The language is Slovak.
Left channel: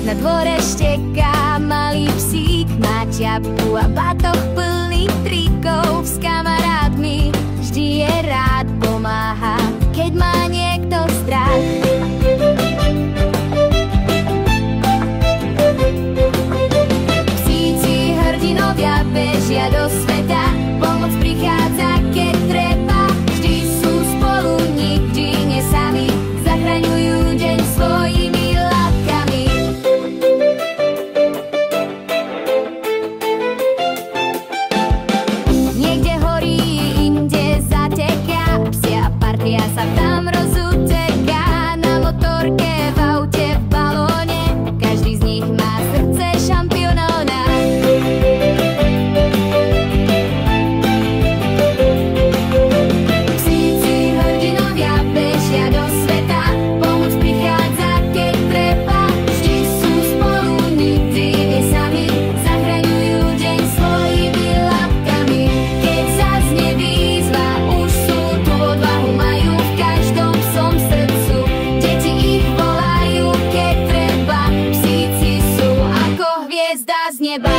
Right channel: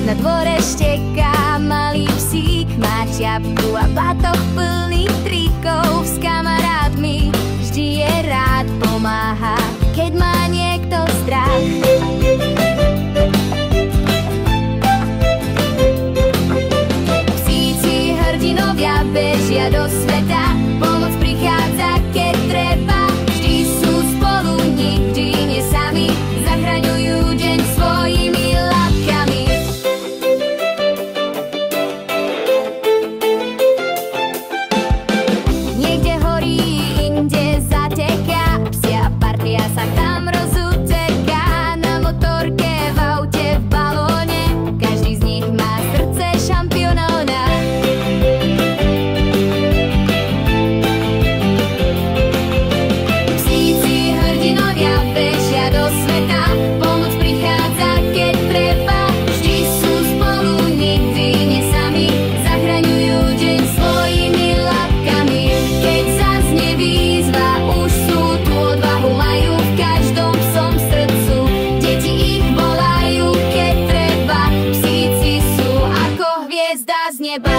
Na dvore šteká malý psík, má ťapku a batoh plný trikov. S kamarátmi vždy je rád, pomáha, keď má niekto strach. Psíci hrdinovia bežia do sveta, pomoc prichádza, keď treba. Vždy sú spolu, nikdy nie sami, zachraňujú deň svojimi labkami. Niekde horí, inde zateká, psia partia sa tam rozuteká. Na motorke, v aute, v balóne, každý z nich má srdce šampióna. Psíci hrdinovia bežia do sveta, pomoc prichádza, keď treba. Vždy sú spolu, nikdy nie sami, zachraňujú deň svojimi labkami. Keď zaznie výzva, už sú tu, odvahu majú v každom psom srdcu. Deti ich volajú, keď treba, psíci sú ako hviezda z neba.